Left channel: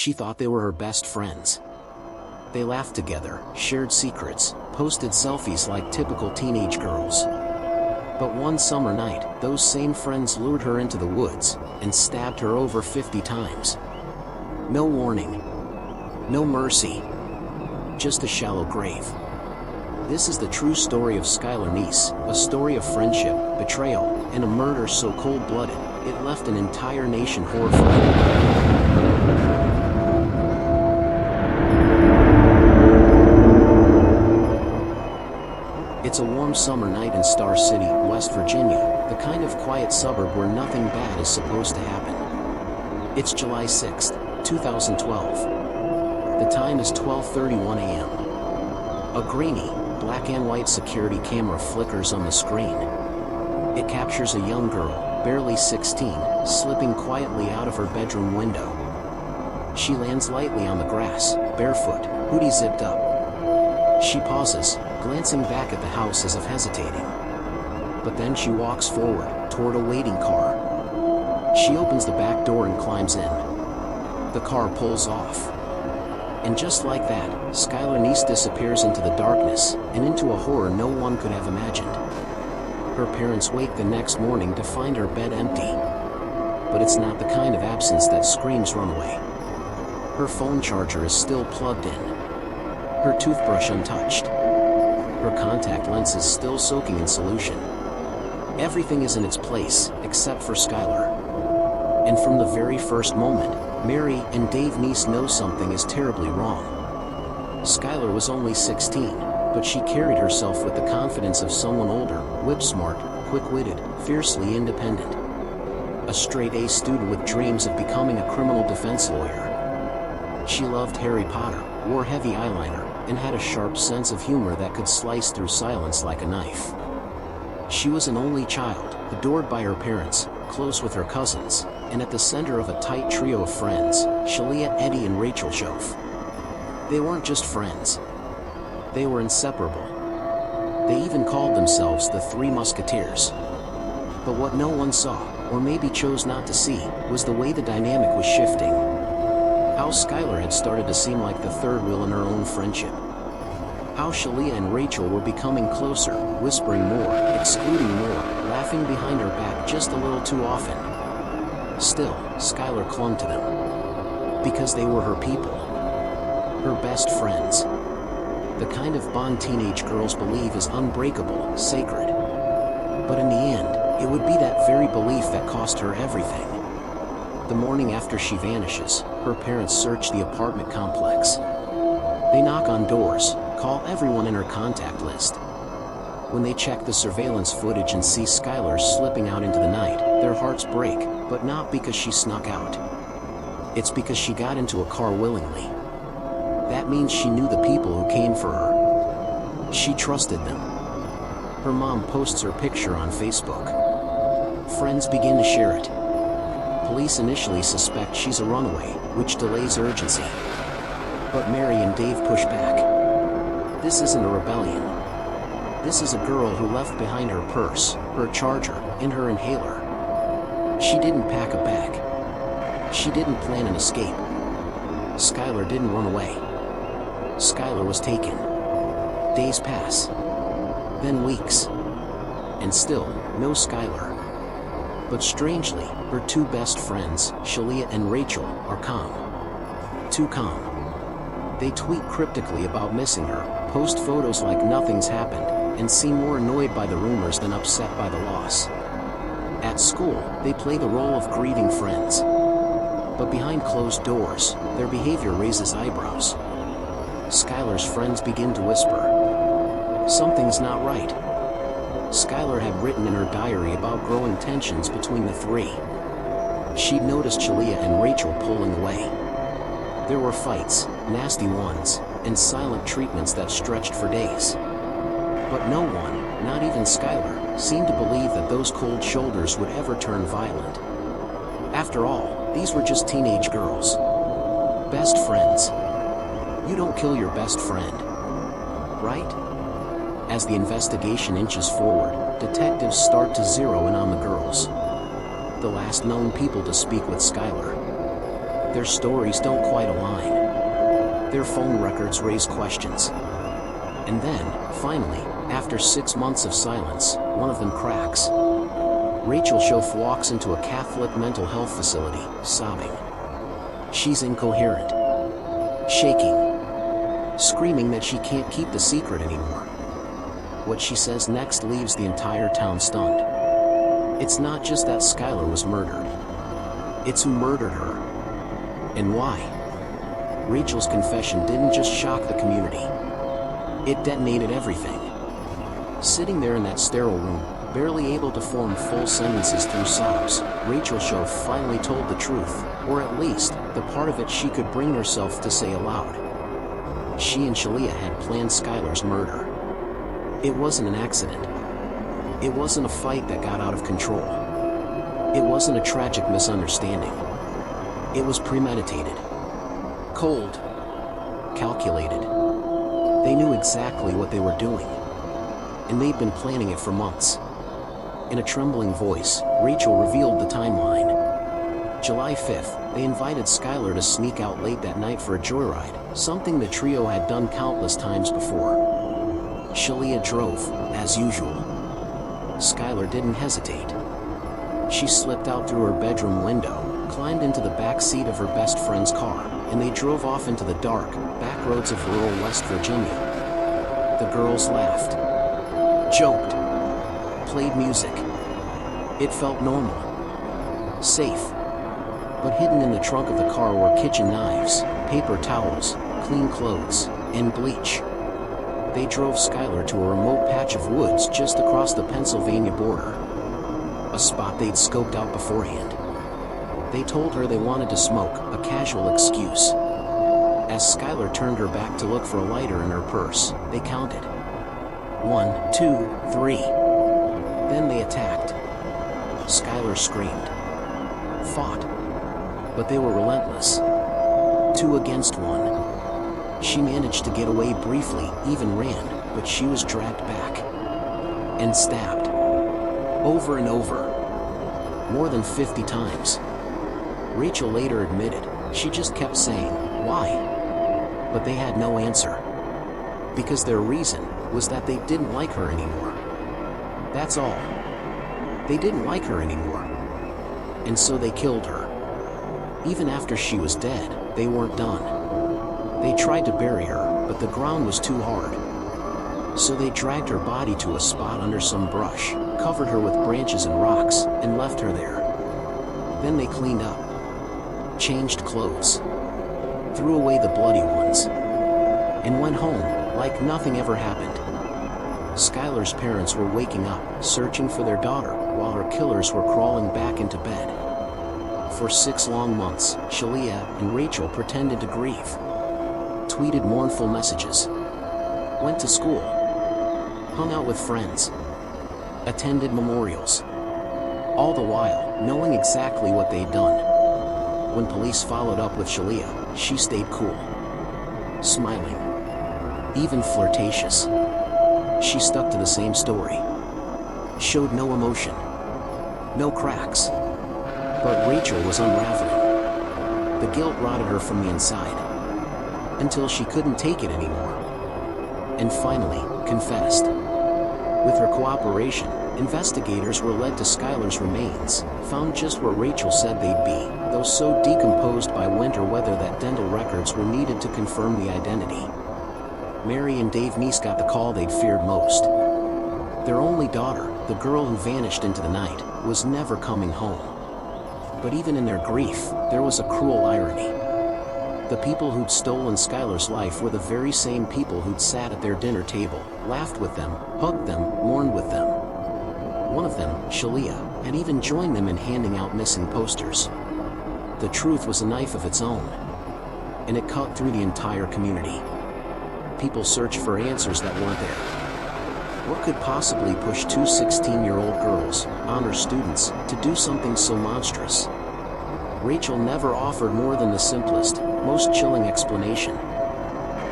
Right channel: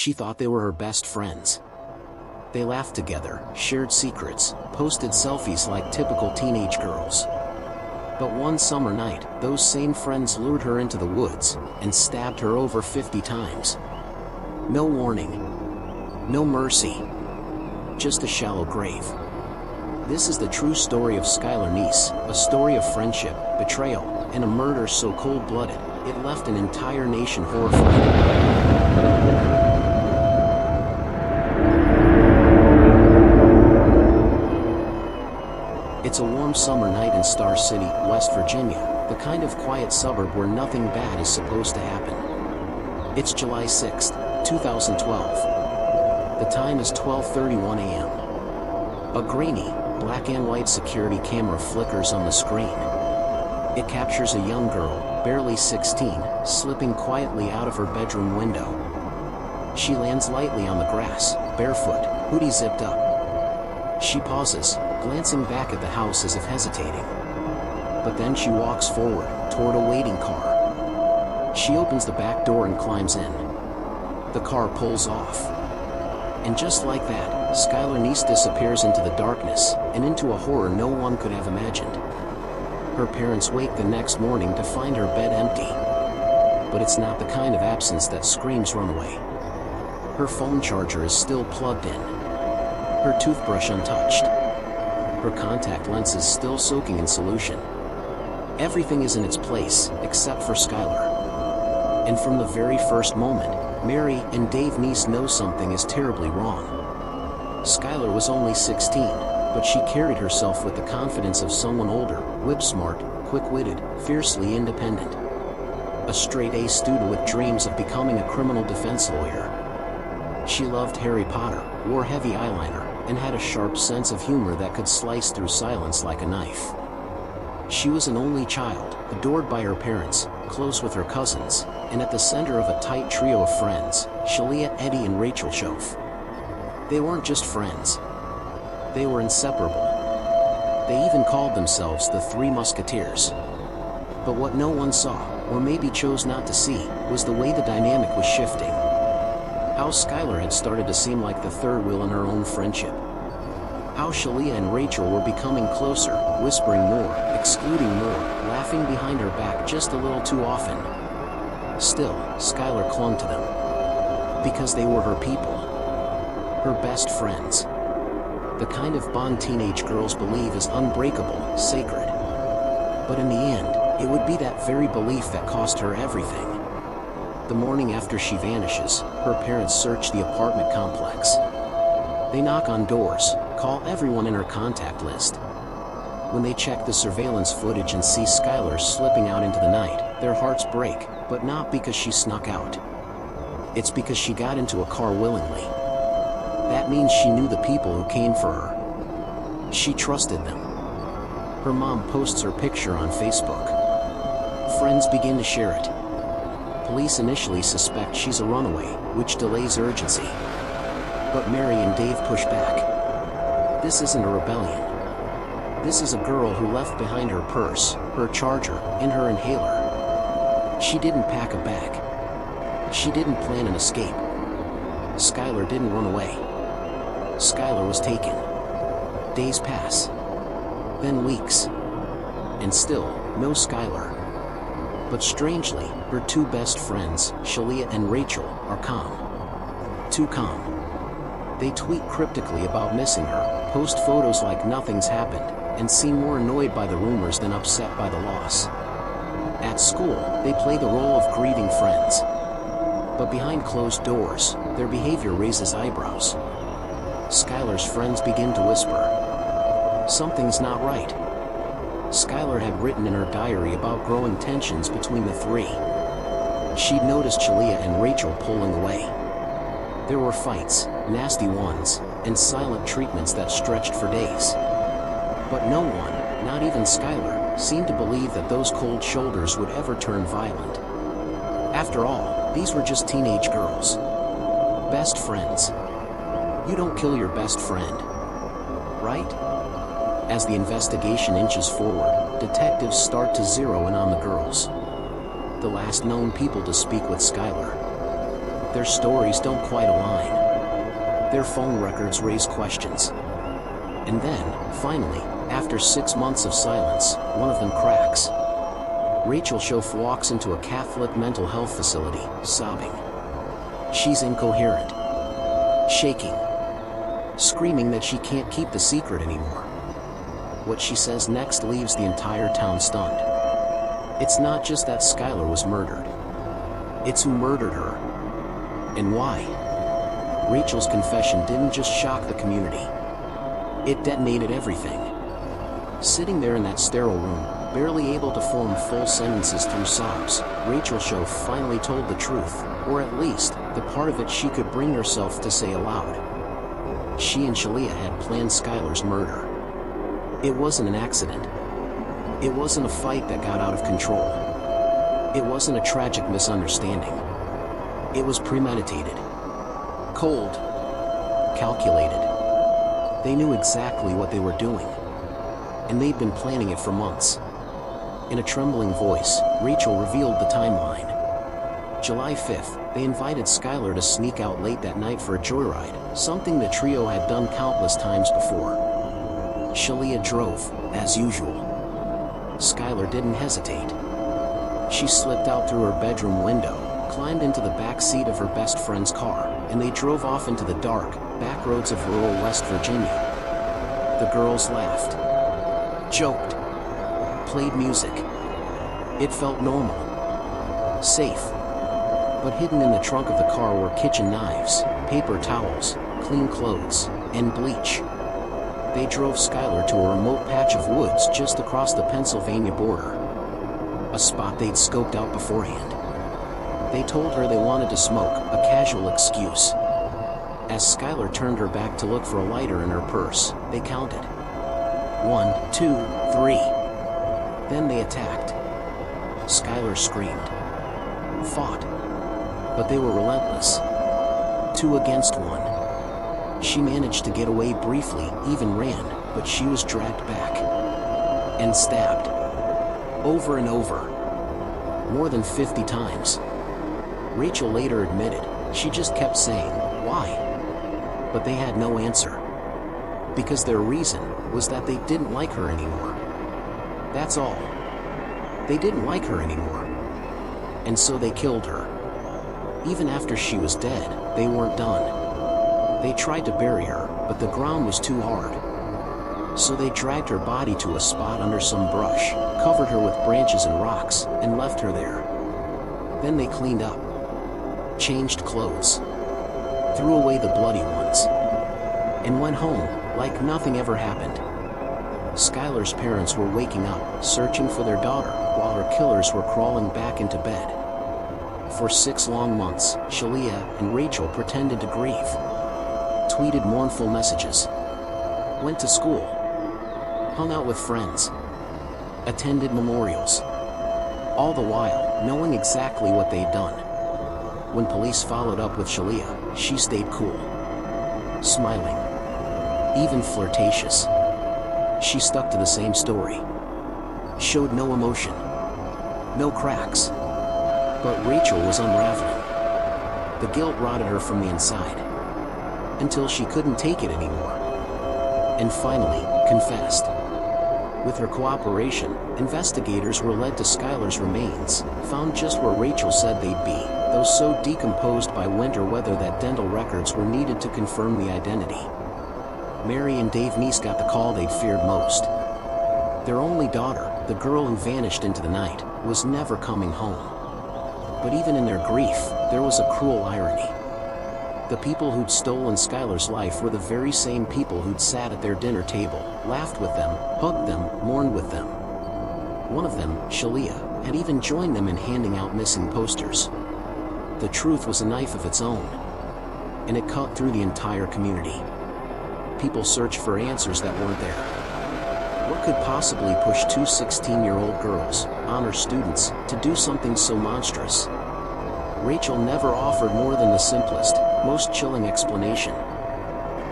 She thought they were her best friends. They laughed together, shared secrets, posted selfies like typical teenage girls. But one summer night, those same friends lured her into the woods and stabbed her over 50 times. No warning. No mercy. Just a shallow grave. This is the true story of Skylar Neese, a story of friendship, betrayal, and a murder so cold-blooded, it left an entire nation horrified. It's a warm summer night in Star City, West Virginia, the kind of quiet suburb where nothing bad is supposed to happen. It's July 6, 2012. The time is 12:31 a.m. A grainy, black and white security camera flickers on the screen. It captures a young girl, barely 16, slipping quietly out of her bedroom window. She lands lightly on the grass, barefoot, hoodie zipped up. She pauses, glancing back at the house as if hesitating. But then she walks forward, toward a waiting car. She opens the back door and climbs in. The car pulls off. And just like that, Skylar Neese disappears into the darkness, and into a horror no one could have imagined. Her parents wake the next morning to find her bed empty. But it's not the kind of absence that screams runaway. Her phone charger is still plugged in. Her toothbrush untouched. Her contact lenses still soaking in solution. Everything is in its place, except for Skylar. And from the very first moment, Mary and Dave Neese know something is terribly wrong. Skylar was only 16, but she carried herself with the confidence of someone older, whip-smart, quick-witted, fiercely independent. A straight-A student with dreams of becoming a criminal defense lawyer. She loved Harry Potter, wore heavy eyeliner, and had a sharp sense of humor that could slice through silence like a knife. She was an only child, adored by her parents, close with her cousins, and at the center of a tight trio of friends, Sheila, Eddy, and Rachel Shoaf. They weren't just friends. They were inseparable. They even called themselves the Three Musketeers. But what no one saw, or maybe chose not to see, was the way the dynamic was shifting. How Skylar had started to seem like the third wheel in her own friendship. How Sheila and Rachel were becoming closer, whispering more, excluding more, laughing behind her back just a little too often. Still, Skylar clung to them. Because they were her people. Her best friends. The kind of bond teenage girls believe is unbreakable, sacred. But in the end, it would be that very belief that cost her everything. The morning after she vanishes, her parents search the apartment complex. They knock on doors, call everyone in her contact list. When they check the surveillance footage and see Skylar slipping out into the night, their hearts break, but not because she snuck out. It's because she got into a car willingly. That means she knew the people who came for her. She trusted them. Her mom posts her picture on Facebook. Friends begin to share it. Police initially suspect she's a runaway, which delays urgency. But Mary and Dave push back. This isn't a rebellion. This is a girl who left behind her purse, her charger, and her inhaler. She didn't pack a bag. She didn't plan an escape. Skylar didn't run away. Skylar was taken. Days pass. Then weeks. And still, no Skylar. But strangely, her two best friends, Sheila and Rachel, are calm. Too calm. They tweet cryptically about missing her, post photos like nothing's happened, and seem more annoyed by the rumors than upset by the loss. At school, they play the role of grieving friends. But behind closed doors, their behavior raises eyebrows. Skylar's friends begin to whisper. Something's not right. Skylar had written in her diary about growing tensions between the three. She'd noticed Sheila and Rachel pulling away. There were fights, nasty ones, and silent treatments that stretched for days. But no one, not even Skylar, seemed to believe that those cold shoulders would ever turn violent. After all, these were just teenage girls. Best friends. You don't kill your best friend. Right? As the investigation inches forward, detectives start to zero in on the girls. The last known people to speak with Skylar. Their stories don't quite align. Their phone records raise questions. And then, finally, after 6 months of silence, one of them cracks. Rachel Shoaf walks into a Catholic mental health facility, sobbing. She's incoherent, shaking, screaming that she can't keep the secret anymore. What she says next leaves the entire town stunned. It's not just that Skylar was murdered. It's who murdered her. And why. Rachel's confession didn't just shock the community. It detonated everything. Sitting there in that sterile room, barely able to form full sentences through sobs, Rachel Shoaf finally told the truth, or at least, the part of it she could bring herself to say aloud. She and Sheila had planned Skylar's murder. It wasn't an accident. It wasn't a fight that got out of control. It wasn't a tragic misunderstanding. It was premeditated. Cold. Calculated. They knew exactly what they were doing. And they'd been planning it for months. In a trembling voice, Rachel revealed the timeline. July 5th, they invited Skylar to sneak out late that night for a joyride, something the trio had done countless times before. Sheila drove, as usual. Skylar didn't hesitate. She slipped out through her bedroom window, climbed into the back seat of her best friend's car, and they drove off into the dark, back roads of rural West Virginia. The girls laughed, joked, played music. It felt normal, safe. But hidden in the trunk of the car were kitchen knives, paper towels, clean clothes, and bleach. They drove Skylar to a remote patch of woods just across the Pennsylvania border. A spot they'd scoped out beforehand. They told her they wanted to smoke, a casual excuse. As Skylar turned her back to look for a lighter in her purse, they counted. 1, 2, 3. Then they attacked. Skylar screamed. Fought. But they were relentless. 2 against 1. She managed to get away briefly, even ran, but she was dragged back. And stabbed. Over and over. More than 50 times. Rachel later admitted, she just kept saying, why? But they had no answer. Because their reason was that they didn't like her anymore. That's all. They didn't like her anymore. And so they killed her. Even after she was dead, they weren't done. They tried to bury her, but the ground was too hard. So they dragged her body to a spot under some brush, covered her with branches and rocks, and left her there. Then they cleaned up. Changed clothes. Threw away the bloody ones. And went home, like nothing ever happened. Skylar's parents were waking up, searching for their daughter, while her killers were crawling back into bed. For 6 long months, Sheila and Rachel pretended to grieve. Tweeted mournful messages. Went to school. Hung out with friends. Attended memorials. All the while, knowing exactly what they'd done. When police followed up with Sheila, she stayed cool. Smiling. Even flirtatious. She stuck to the same story. Showed no emotion. No cracks. But Rachel was unraveling. The guilt rotted her from the inside. Until she couldn't take it anymore. And finally, confessed. With her cooperation, investigators were led to Skylar's remains, found just where Rachel said they'd be, though so decomposed by winter weather that dental records were needed to confirm the identity. Mary and Dave Neese got the call they'd feared most. Their only daughter, the girl who vanished into the night, was never coming home. But even in their grief, there was a cruel irony. The people who'd stolen Skylar's life were the very same people who'd sat at their dinner table, laughed with them, hugged them, mourned with them. One of them, Sheila, had even joined them in handing out missing posters. The truth was a knife of its own. And it cut through the entire community. People searched for answers that weren't there. What could possibly push 2 16-year-old girls, honor students, to do something so monstrous? Rachel never offered more than the simplest, most chilling explanation.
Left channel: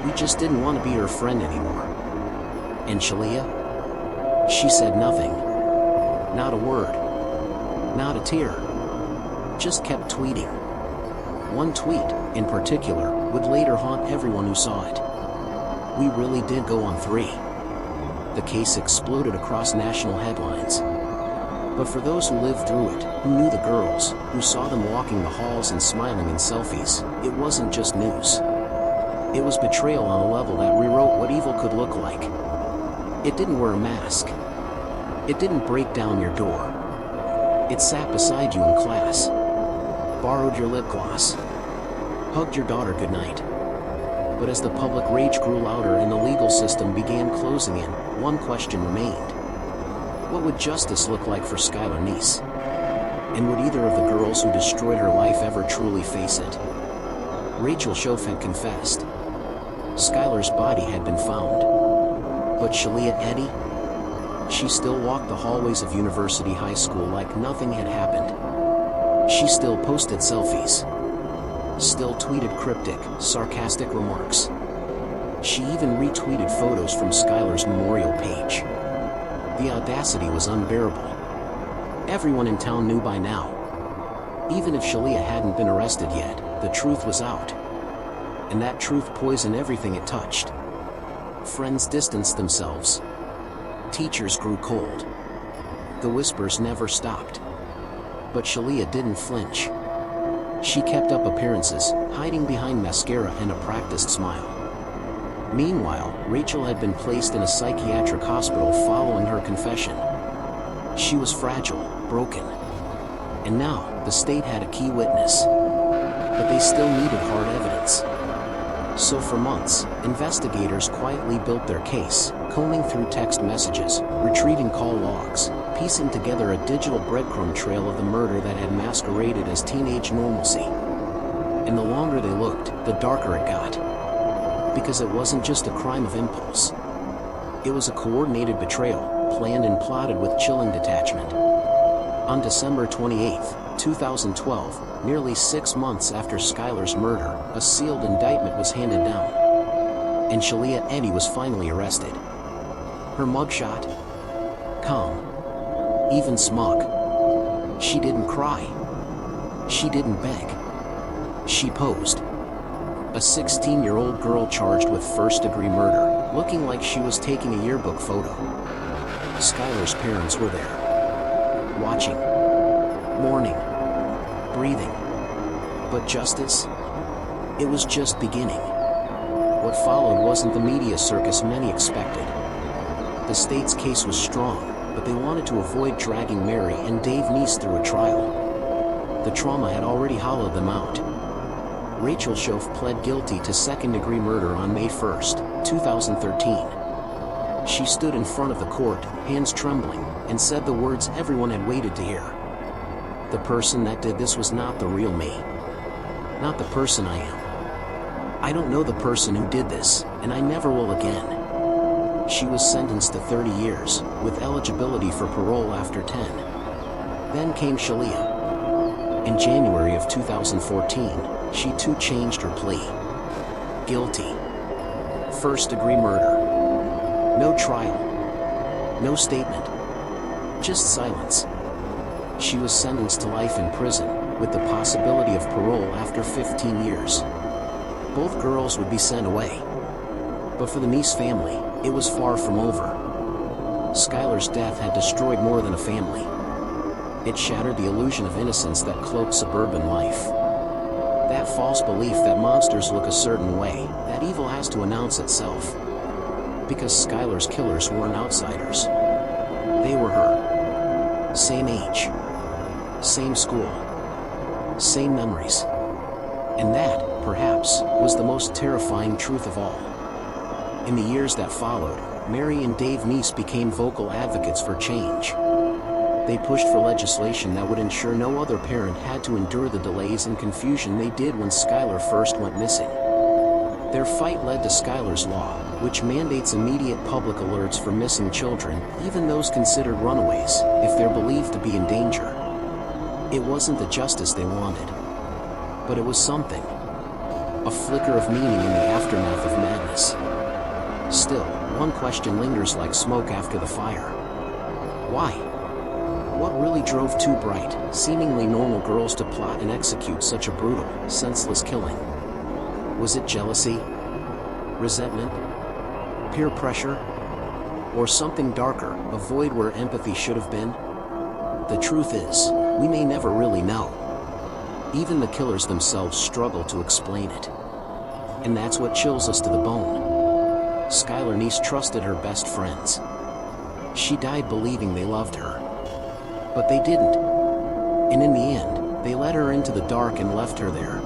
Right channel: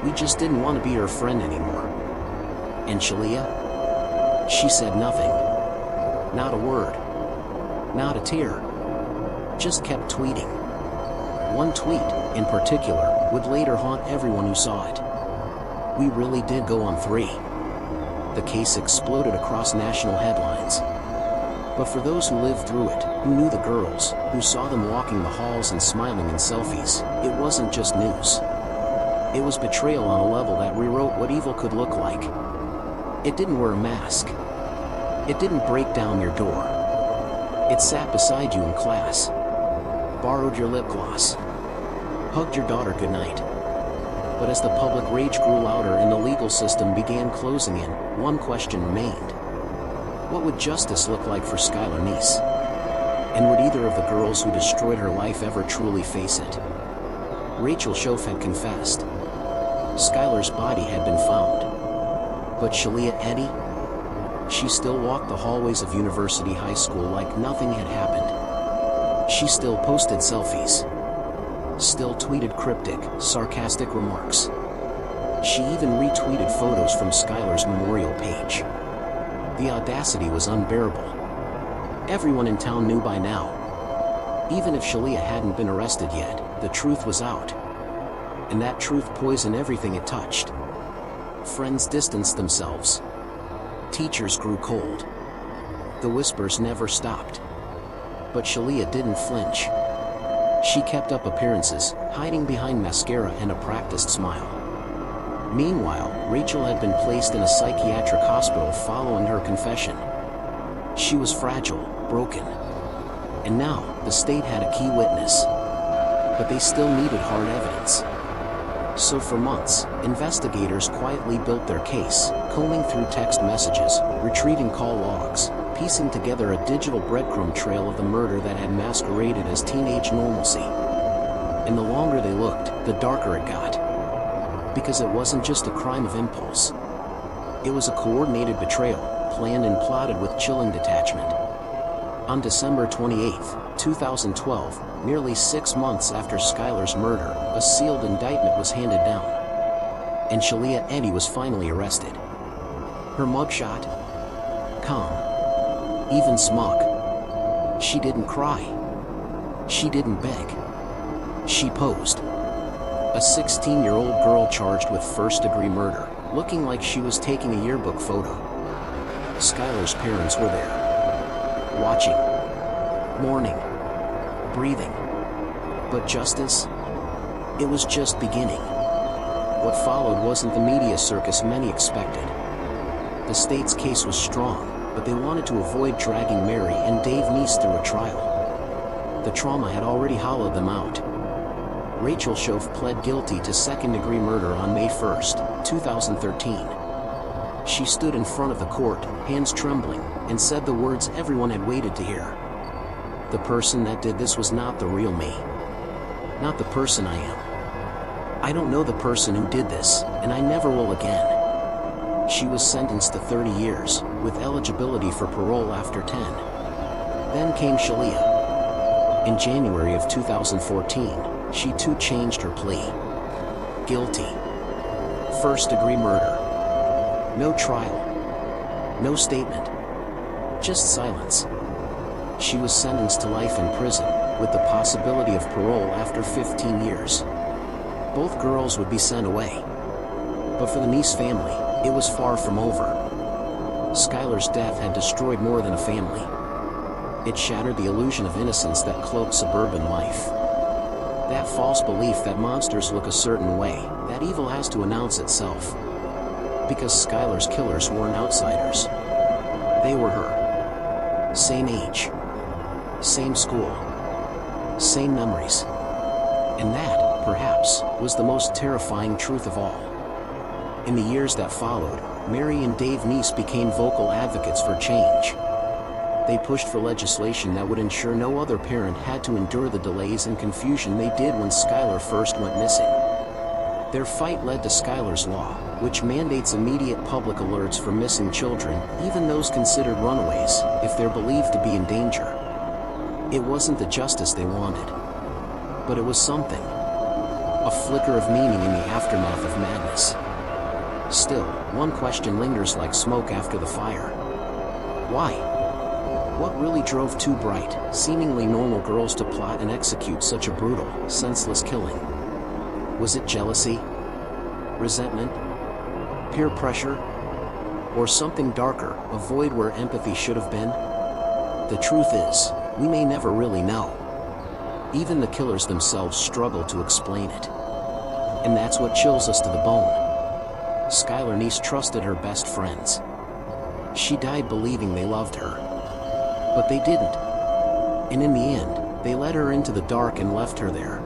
We just didn't want to be her friend anymore. And Sheila? She said nothing. Not a word. Not a tear. Just kept tweeting. One tweet, in particular, would later haunt everyone who saw it. "We really did go on 3." The case exploded across national headlines. But for those who lived through it, who knew the girls, who saw them walking the halls and smiling in selfies, it wasn't just news. It was betrayal on a level that rewrote what evil could look like. It didn't wear a mask. It didn't break down your door. It sat beside you in class, borrowed your lip gloss, hugged your daughter goodnight. But as the public rage grew louder and the legal system began closing in, one question remained. What would justice look like for Skylar Neese? And would either of the girls who destroyed her life ever truly face it? Rachel Shoaf had confessed. Skylar's body had been found. But Sheila Eddy? She still walked the hallways of University High School like nothing had happened. She still posted selfies. Still tweeted cryptic, sarcastic remarks. She even retweeted photos from Skylar's memorial page. The audacity was unbearable. Everyone in town knew by now. Even if Sheila hadn't been arrested yet, the truth was out. And that truth poisoned everything it touched. Friends distanced themselves. Teachers grew cold. The whispers never stopped. But Sheila didn't flinch. She kept up appearances, hiding behind mascara and a practiced smile. Meanwhile, Rachel had been placed in a psychiatric hospital following her confession. She was fragile, broken. And now, the state had a key witness. But they still needed hard evidence. So for months, investigators quietly built their case, combing through text messages, retrieving call logs, piecing together a digital breadcrumb trail of the murder that had masqueraded as teenage normalcy. And the longer they looked, the darker it got. Because it wasn't just a crime of impulse. It was a coordinated betrayal, planned and plotted with chilling detachment. On December 28, 2012, nearly 6 months after Skylar's murder, a sealed indictment was handed down. And Sheila Eddy was finally arrested. Her mugshot? Calm. Even smug. She didn't cry. She didn't beg. She posed. A 16-year-old girl charged with first-degree murder, looking like she was taking a yearbook photo. Skylar's parents were there. Watching. Mourning. Breathing. But justice? It was just beginning. What followed wasn't the media circus many expected. The state's case was strong, but they wanted to avoid dragging Mary and Dave Neese through a trial. The trauma had already hollowed them out. Rachel Shoaf pled guilty to second-degree murder on May 1, 2013. She stood in front of the court, hands trembling, and said the words everyone had waited to hear. The person that did this was not the real me. Not the person I am. I don't know the person who did this, and I never will again. She was sentenced to 30 years, with eligibility for parole after 10. Then came Sheila. In January of 2014, she too changed her plea. Guilty. First-degree murder. No trial. No statement. Just silence. She was sentenced to life in prison, with the possibility of parole after 15 years. Both girls would be sent away. But for the Neese family, it was far from over. Skylar's death had destroyed more than a family. It shattered the illusion of innocence that cloaked suburban life. That false belief that monsters look a certain way, that evil has to announce itself. Because Skylar's killers weren't outsiders. They were her. Same age. Same school. Same memories. And that, perhaps, was the most terrifying truth of all. In the years that followed, Mary and Dave Neese became vocal advocates for change. They pushed for legislation that would ensure no other parent had to endure the delays and confusion they did when Skylar first went missing. Their fight led to Skylar's Law, which mandates immediate public alerts for missing children, even those considered runaways, if they're believed to be in danger. It wasn't the justice they wanted. But it was something. A flicker of meaning in the aftermath of madness. Still, one question lingers like smoke after the fire. Why? What really drove two bright, seemingly normal girls to plot and execute such a brutal, senseless killing? Was it jealousy? Resentment? Peer pressure? Or something darker, a void where empathy should have been? The truth is, we may never really know. Even the killers themselves struggle to explain it. And that's what chills us to the bone. Skylar Neese trusted her best friends. She died believing they loved her. But they didn't. And in the end, they led her into the dark and left her there,